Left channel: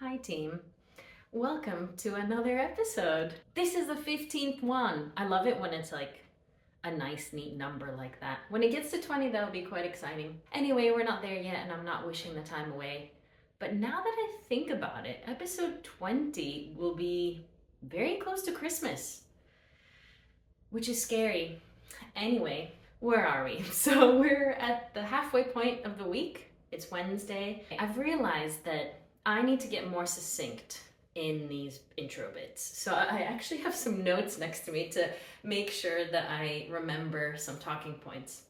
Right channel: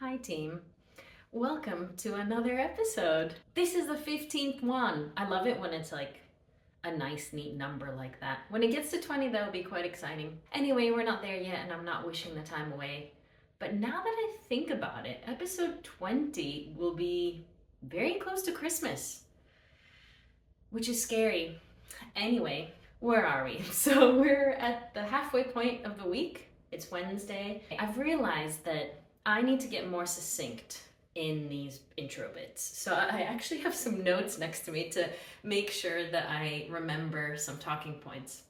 Hi team, welcome to another episode. This is the 15th one. I love it when it's like a nice neat number like that. When it gets to 20 that'll be quite exciting. Anyway, we're not there yet and I'm not wishing the time away. But now that I think about it, episode 20 will be very close to Christmas, which is scary. Anyway, where are we? So we're at the halfway point of the week. It's Wednesday. I've realized that I need to get more succinct in these intro bits. So I actually have some notes next to me to make sure that I remember some talking points.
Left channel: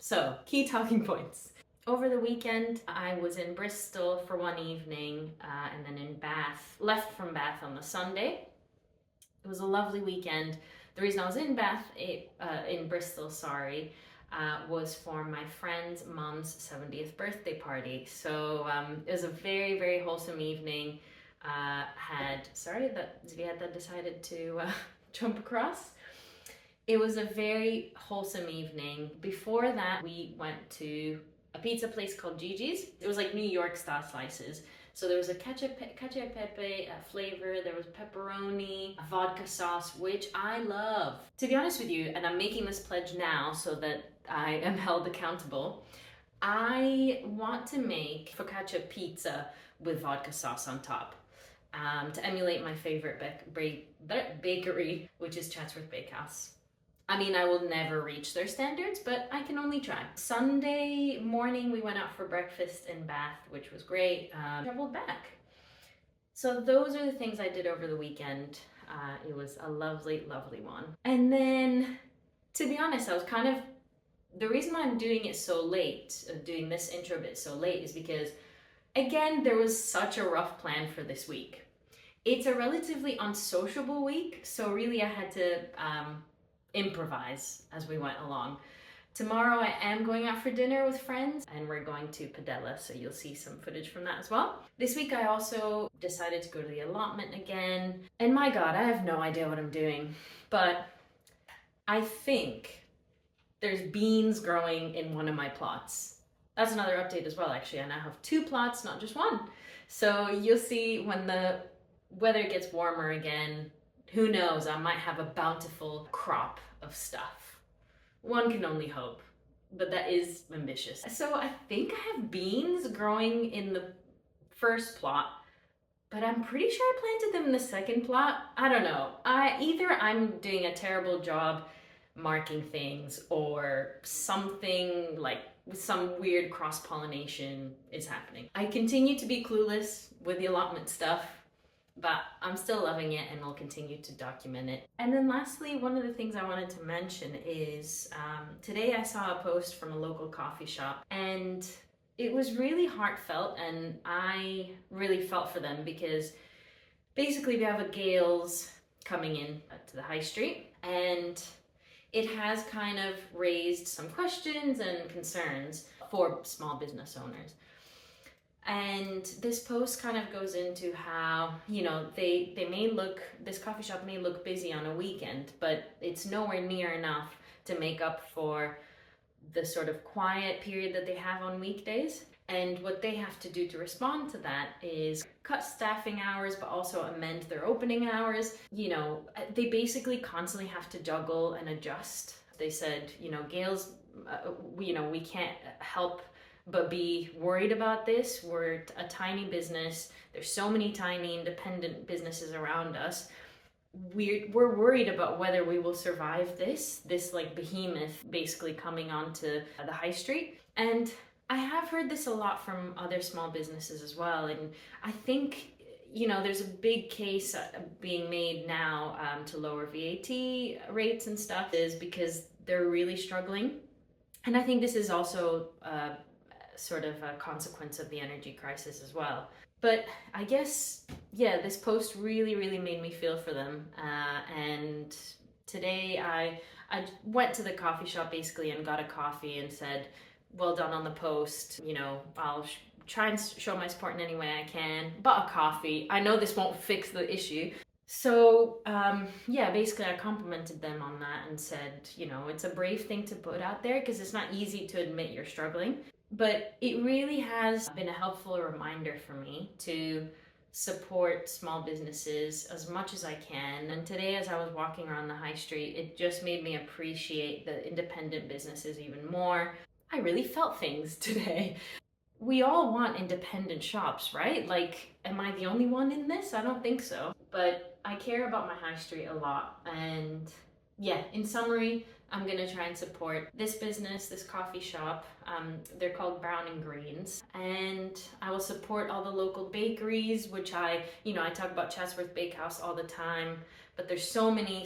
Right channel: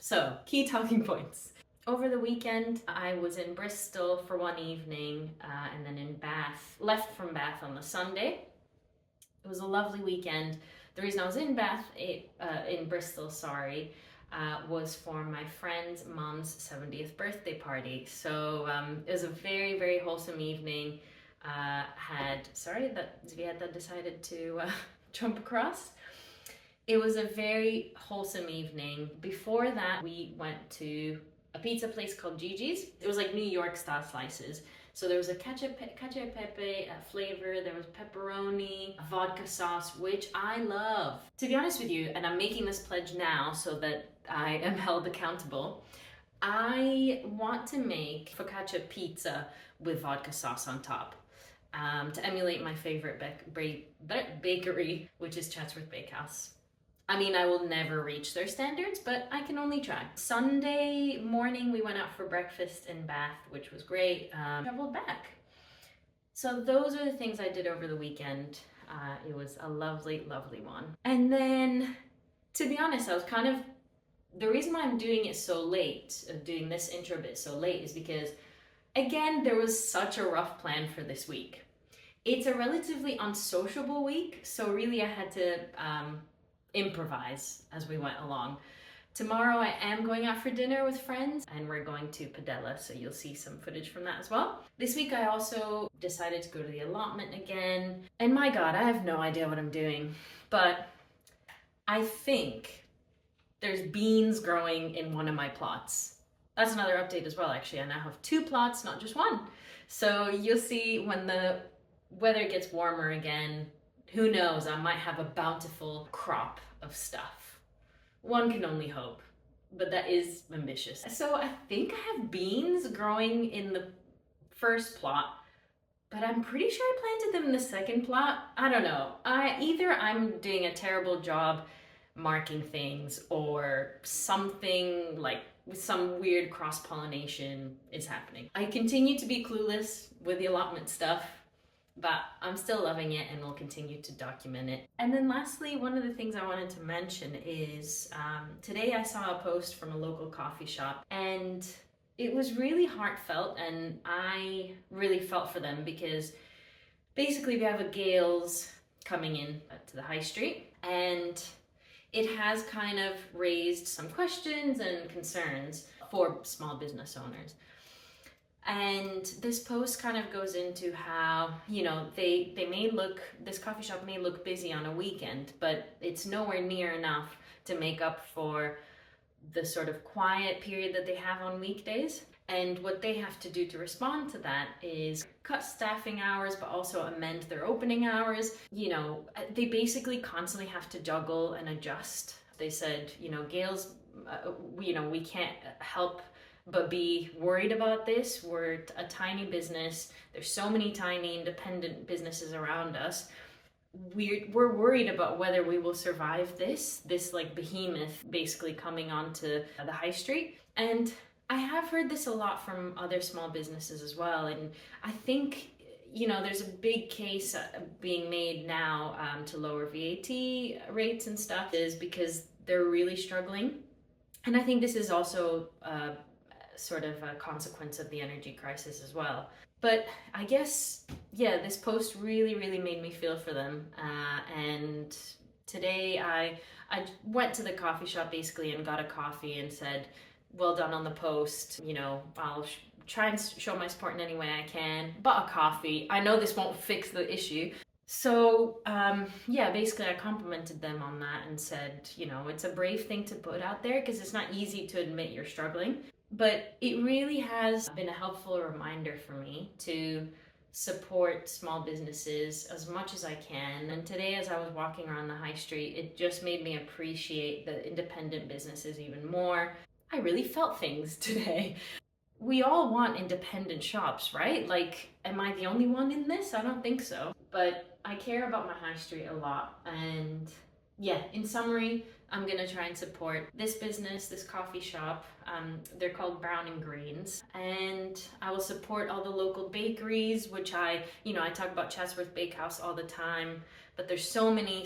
So, key talking points. Over the weekend, I was in Bristol for one evening and then in Bath, left from Bath on the Sunday. It was a lovely weekend. The reason I was in Bristol, was for my friend's mom's 70th birthday party. So it was a very, very wholesome evening. Sorry that Zvieta decided to jump across. It was a very wholesome evening. Before that, we went to a pizza place called Gigi's. It was like New York style slices. So there was a cacio pepe flavor, there was pepperoni, vodka sauce, which I love. To be honest with you, and I'm making this pledge now so that I am held accountable, I want to make focaccia pizza with vodka sauce on top to emulate my favorite bakery, which is Chatsworth Bakehouse. I mean, I will never reach their standards, but I can only try. Sunday morning, we went out for breakfast in Bath, which was great. Traveled back. So those are the things I did over the weekend. It was a lovely, lovely one. And then, to be honest, the reason why I'm doing it so late, doing this intro bit so late, is because, again, there was such a rough plan for this week. It's a relatively unsociable week, so really I had to improvise as we went along. Tomorrow I am going out for dinner with friends and we're going to Padella, so you'll see some footage from that as well. This week I also decided to go to the allotment again, and my god, I have no idea what I'm doing, but I think there's beans growing in one of my plots. That's another update as well, actually. I now have 2 plots, not just one. So you'll see when the weather gets warmer again, who knows, I might have a bountiful crop of stuff. One can only hope, but that is ambitious. So I think I have beans growing in the first plot, but I'm pretty sure I planted them in the second plot. I don't know. Either I'm doing a terrible job marking things or something like some weird cross-pollination is happening. I continue to be clueless with the allotment stuff, but I'm still loving it and will continue to document it. And then lastly, one of the things I wanted to mention is today I saw a post from a local coffee shop and it was really heartfelt, and I really felt for them because basically we have a Gales coming in to the high street, and it has kind of raised some questions and concerns for small business owners. And this post kind of goes into how, this coffee shop may look busy on a weekend, but it's nowhere near enough to make up for the sort of quiet period that they have on weekdays. And what they have to do to respond to that is cut staffing hours, but also amend their opening hours. They basically constantly have to juggle and adjust. They said, Gales, we can't help but be worried about this. We're a tiny business. There's so many tiny independent businesses around us. We're worried about whether we will survive this like behemoth basically coming onto the high street. And I have heard this a lot from other small businesses as well. And I think, there's a big case being made now to lower VAT rates and stuff, is because they're really struggling. And I think this is also sort of a consequence of the energy crisis as well. But I guess, this post really, really made me feel for them. And today I went to the coffee shop basically and got a coffee and said, well done on the post. I'll try and show my support in any way I can. Bought a coffee. I know this won't fix the issue. So basically I complimented them on that and said, it's a brave thing to put out there because it's not easy to admit you're struggling. But it really has been a helpful reminder for me to support small businesses as much as I can. And today, as I was walking around the high street, it just made me appreciate the independent businesses even more. I really felt things today. We all want independent shops, right? Like, am I the only one in this? I don't think so. But I care about my high street a lot. And yeah, in summary, I'm gonna try and support this business, this coffee shop. They're called Brown and Greens. And I will support all the local bakeries, which I talk about Chatsworth Bakehouse all the time, but there's so many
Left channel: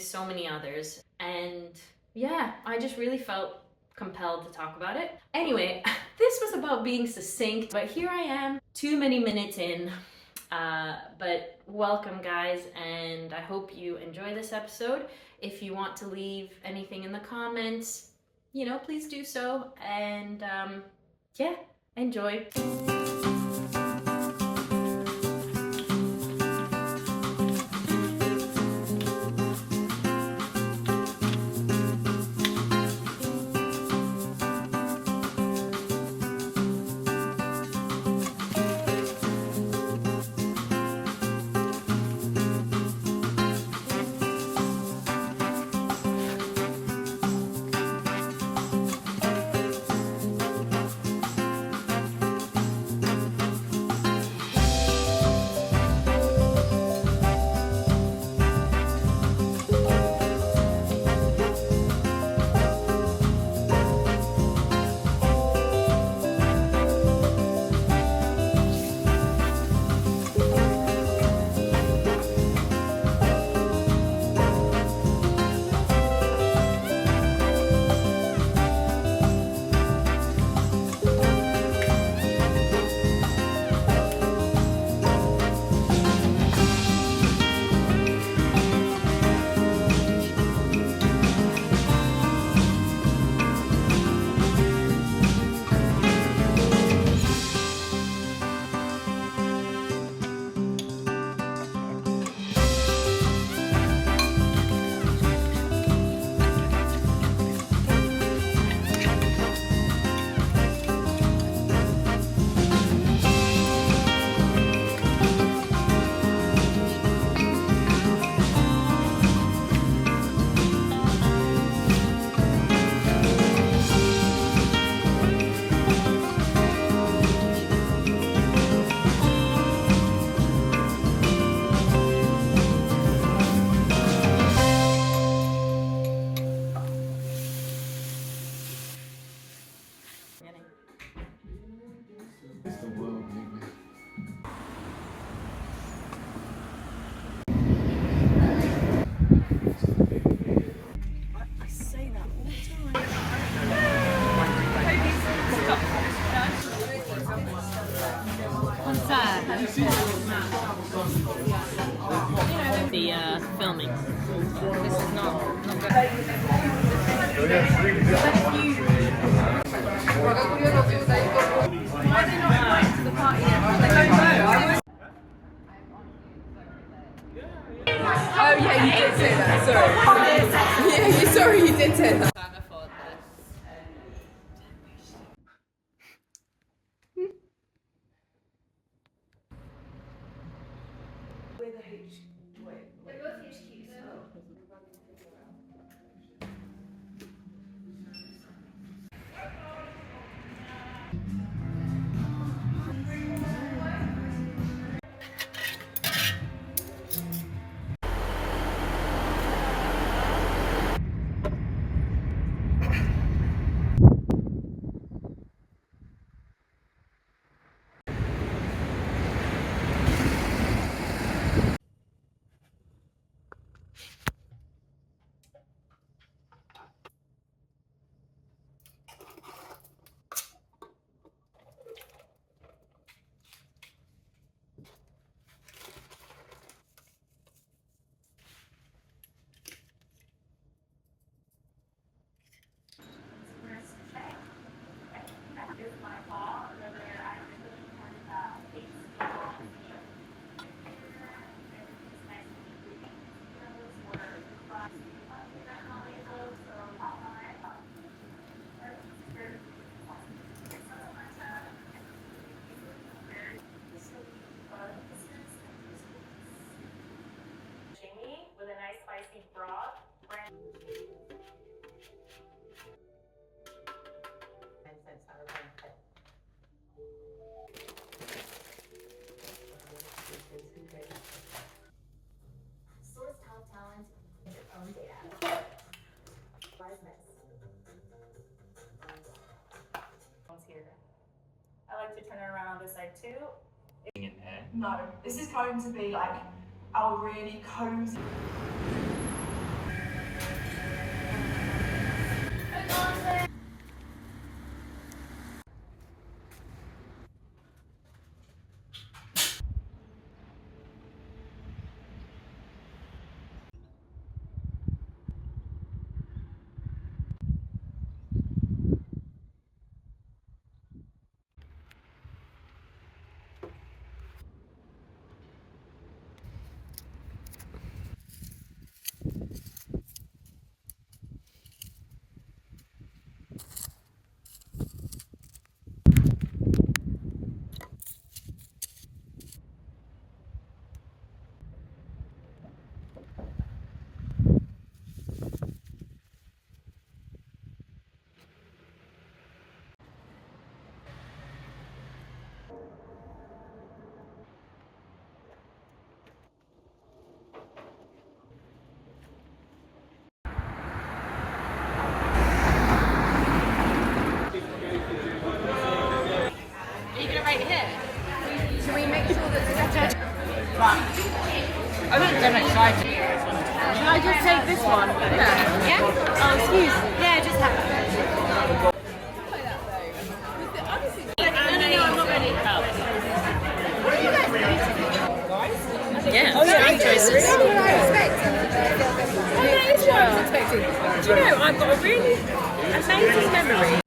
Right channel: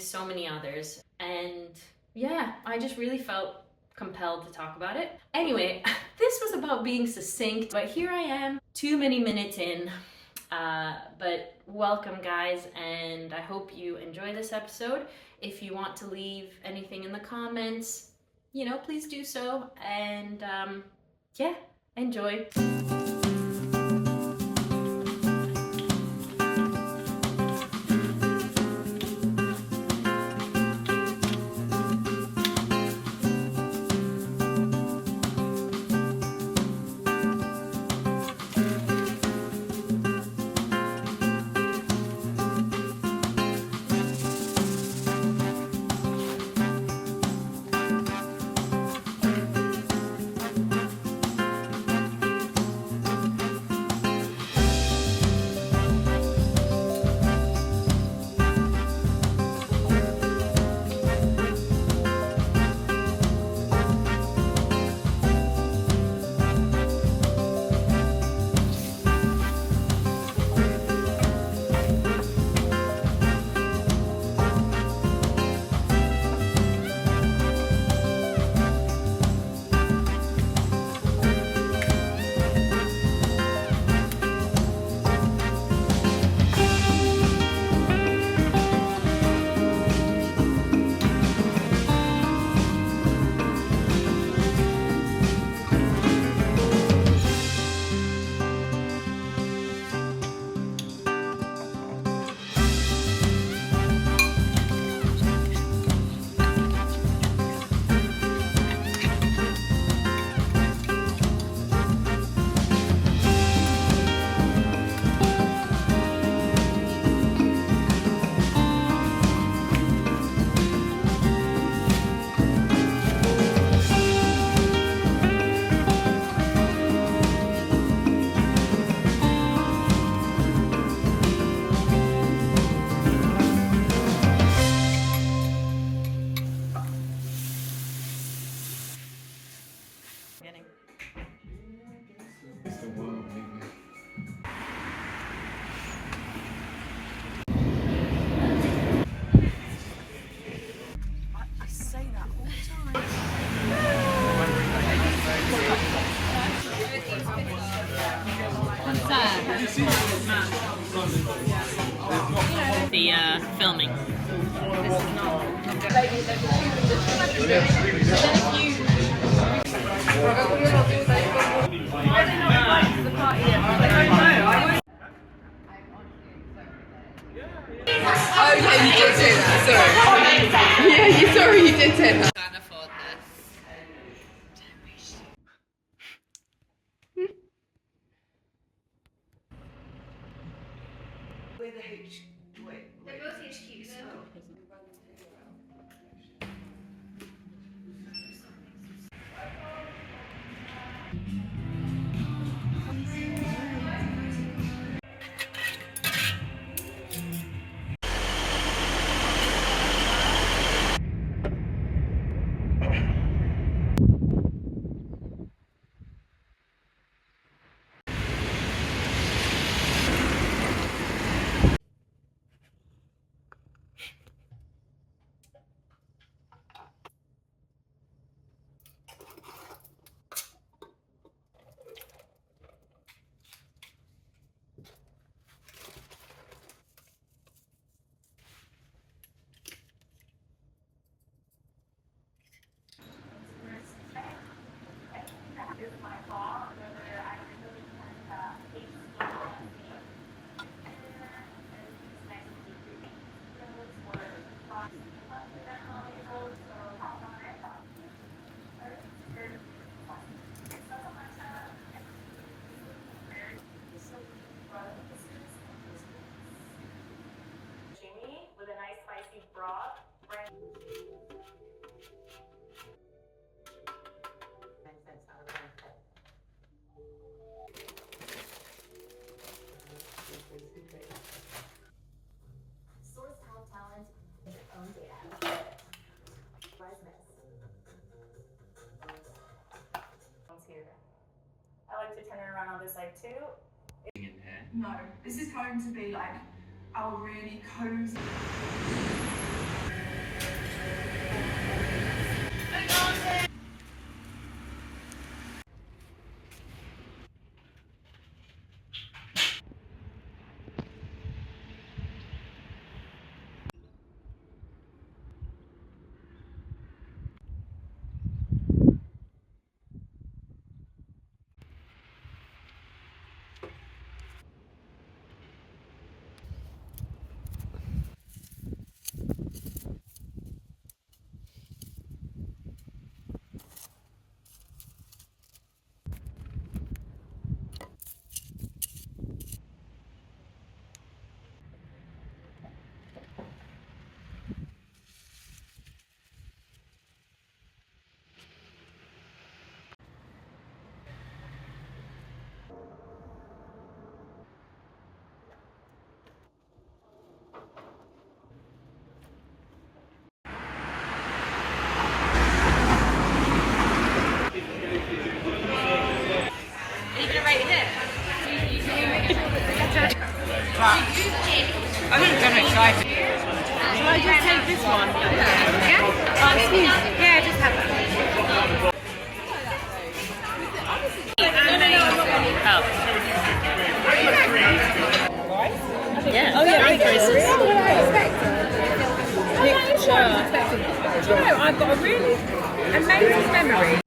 others. And yeah, I just really felt compelled to talk about it. Anyway, this was about being succinct, but here I am, too many minutes in. But welcome, guys, and I hope you enjoy this episode. If you want to leave anything in the comments, please do so. And yeah, enjoy. The filming. This is not Oh yeah, you did it. Sorry. Yeah, you did it. Can't afford this. around on this side too. In here. No, this is going to be like our really cozy. I don't get excited. Can I just take this one? Yeah. Oh, excuse me. Yeah, just have it. Yeah, Oh, yeah, strong choices. What I expected. I know, it's what I expected. Do you know, I've got a really amazing memory